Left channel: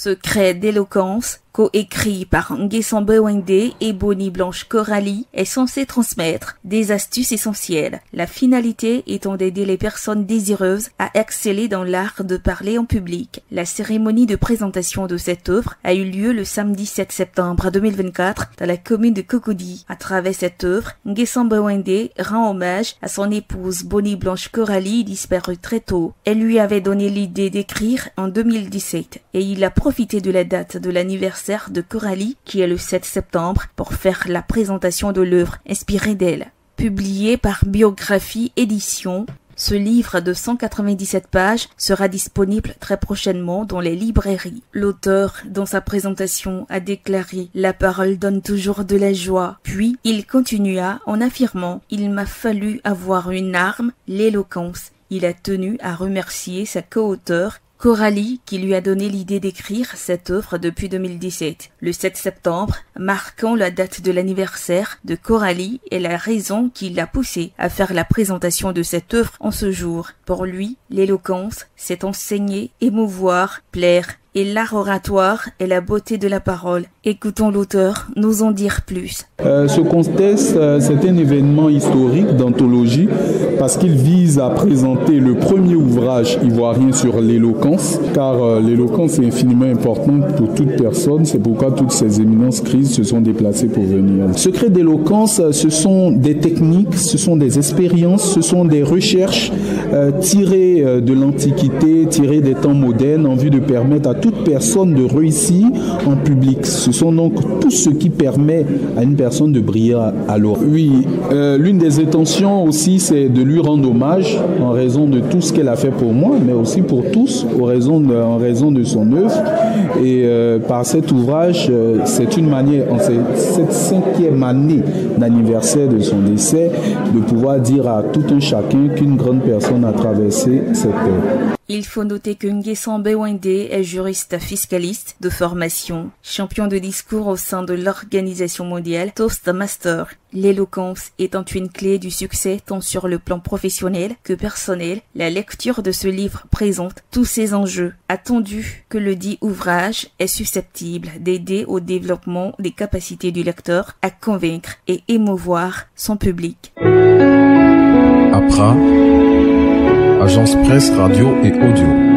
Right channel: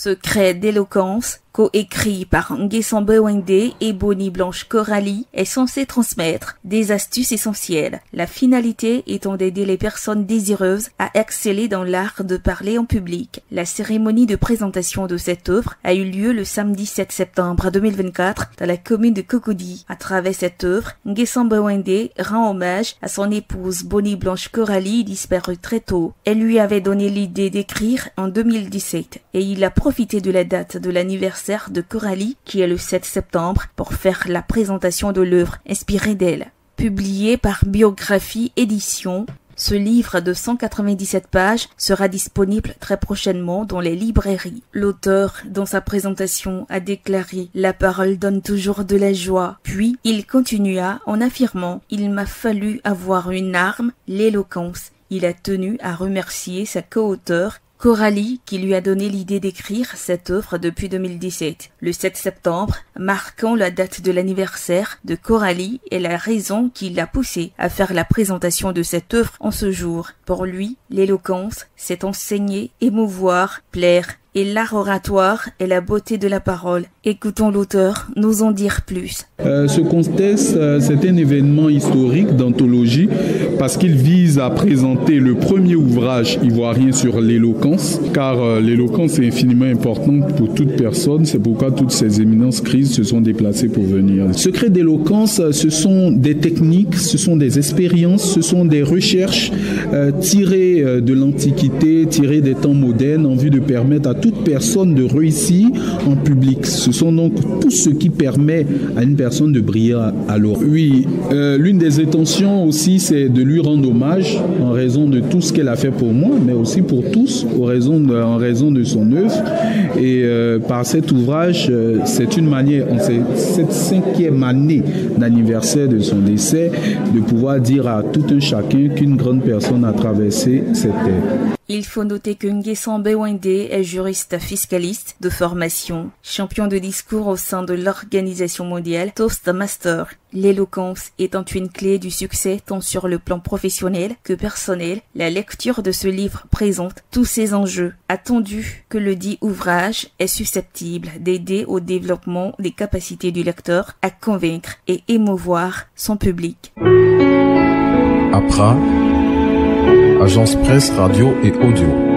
Secret d'éloquence, coécrit par Nguessan Bewende et Bonnie Blanche Coralie, est censé transmettre des astuces essentielles, la finalité étant d'aider les personnes désireuses à exceller dans l'art de parler en public. La cérémonie de présentation de cette œuvre a eu lieu le samedi 7 septembre 2024 dans la commune de Cocody. À travers cette œuvre, Nguessan Bewende rend hommage à son épouse Bonnie Blanche Coralie, disparue très tôt. Elle lui avait donné l'idée d'écrire en 2017 et il a profité de la date de l'anniversaire de Coralie, qui est le 7 septembre, pour faire la présentation de l'œuvre inspirée d'elle. Publié par Biographie Édition, ce livre de 197 pages sera disponible très prochainement dans les librairies. L'auteur, dans sa présentation, a déclaré « La parole donne toujours de la joie ». Puis, il continua en affirmant « Il m'a fallu avoir une arme, l'éloquence ». Il a tenu à remercier sa co-auteure Coralie, qui lui a donné l'idée d'écrire cette œuvre depuis 2017. Le 7 septembre, marquant la date de l'anniversaire de Coralie, est la raison qui l'a poussé à faire la présentation de cette œuvre en ce jour. Pour lui, l'éloquence, c'est enseigner, émouvoir, plaire, et l'art oratoire est la beauté de la parole. Écoutons l'auteur nous en dire plus. Ce contest, c'est un événement historique d'anthologie parce qu'il vise à présenter le premier ouvrage ivoirien sur l'éloquence, car l'éloquence est infiniment importante pour toute personne. C'est pourquoi toutes ces éminences crises se sont déplacées pour venir. Le secret d'éloquence, ce sont des techniques, ce sont des expériences, ce sont des recherches tirées de l'Antiquité, tirées des temps modernes en vue de permettre à toute personne de réussir en public. Ce sont donc tout ce qui permet à une personne de briller à l'oral. Oui, l'une des intentions aussi, c'est de lui rendre hommage en raison de tout ce qu'elle a fait pour moi, mais aussi pour tous, en raison de son œuvre. Et par cet ouvrage, c'est une manière, en cette 5e année d'anniversaire de son décès, de pouvoir dire à tout un chacun qu'une grande personne a traversé cette œuvre. Il faut noter que Nguessan Bewende est juriste fiscaliste de formation, champion de discours au sein de l'Organisation mondiale Toastmaster. L'éloquence étant une clé du succès tant sur le plan professionnel que personnel, la lecture de ce livre présente tous ces enjeux. Attendu que le dit ouvrage est susceptible d'aider au développement des capacités du lecteur à convaincre et émouvoir son public. APRA, Agence Presse Radio et Audio.